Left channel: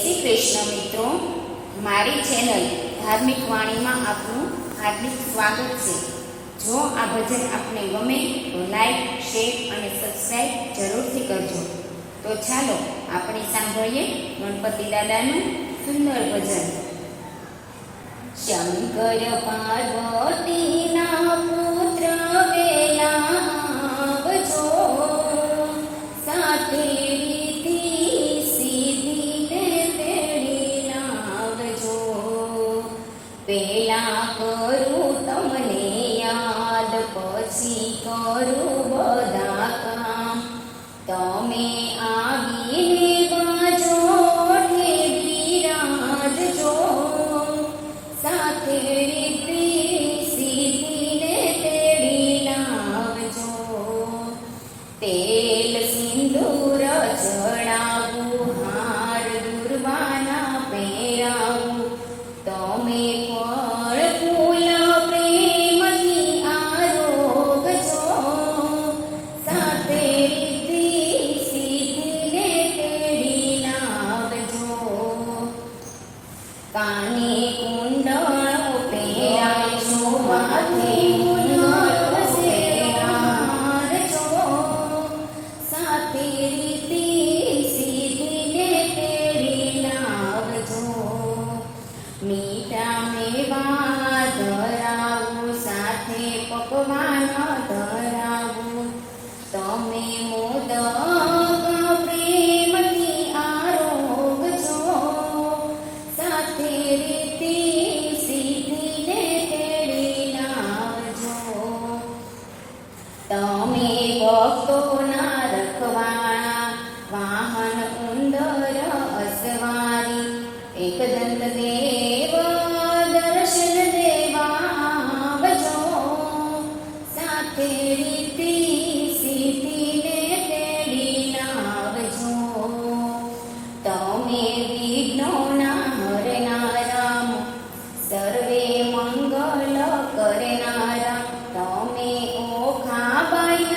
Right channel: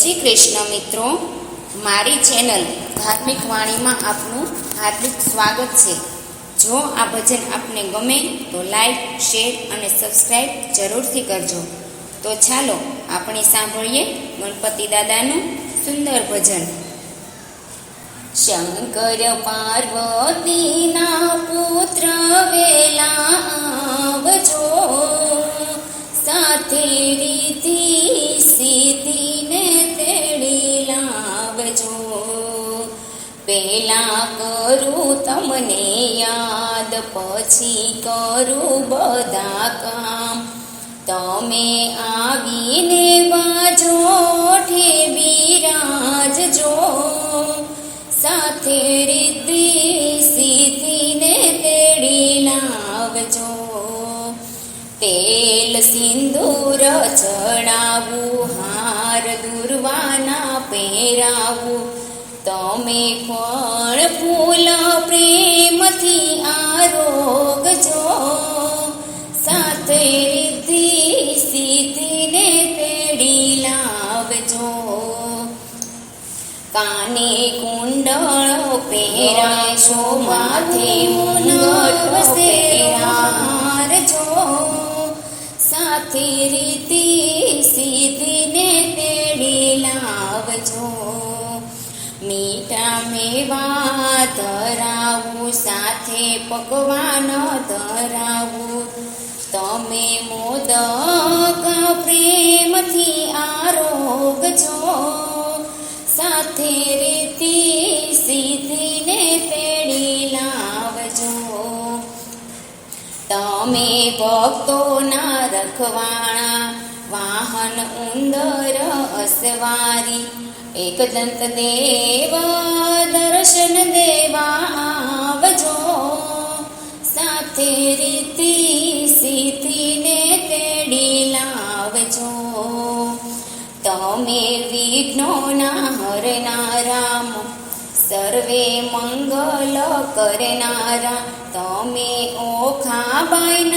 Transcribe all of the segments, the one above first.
શ્રી કૃષ્ણ મિત્રો, મારી ચેનલ ધાર્મિક વાણીમાં આપનું હાર્દિક સ્વાગત છે. જો આ ભજન આપને ગમે તો લાઈક, શેર અને સબસ્ક્રાઈબ જરૂરથી કરજો. તો ચાલો આપણે સાંભળીએ ગણપતિ દાદાનું સુંદર ભજન. શંકર પાર્વતીના પુત્ર વેલા આવજો. સાથે લાવજો પેલા કરું તમને યાદ, પછી કરું બધા કામ. તમે આવીને વાજો બિરાજજો સાથે રીતિ સીધીને તેડી લાવજો. તેલ સિંદૂર ચડાવું ફળ ફૂલ પ્રેમથી આરોગજો. સાથે રીતિ સીધીને પેઢી લાવજો. કાને કુંડળો પહેરાશો માથે મુનગટ મીઠા ધરાવું, સાથે પકવાન ધરાવું. તમે મોદક પ્રેમથી આરોગજો સાથે રીતિ સીધીને પેડી લાવજો. તમે ભક્તોના રખવાણા, વાહન ઉંદર અસવારી, એક દંત દેવ દર્શન દેવા આવજો સાથે રીતિ સીધીને તેડી લાવજો. તમે વિઘ્નોના હરનારામ સર્વે મંગલ કરનારા. તમે ઓખા બાઈના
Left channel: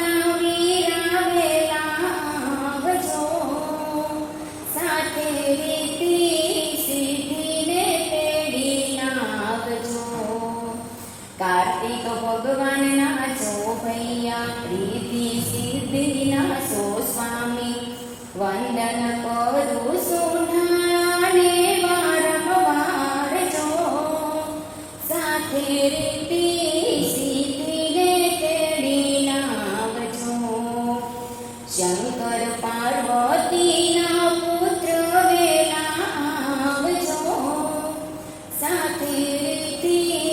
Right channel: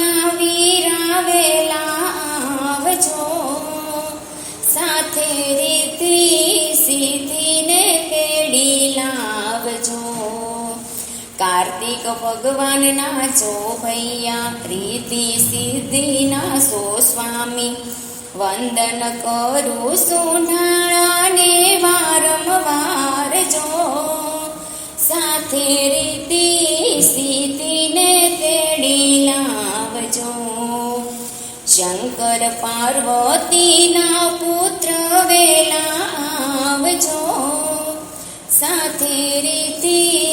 માલિક ભગવાનના જો ભૈયા, પ્રીતિ સિદ્ધિના સો સ્વામી. વંદન કરું સુનાળાને વારંવાર જો. સાથે રીતિ સ્થિતિને તેડી લાવજો. શંકર પાર્વતીના પુત્ર વેલા આવજો. સાથે રીતિ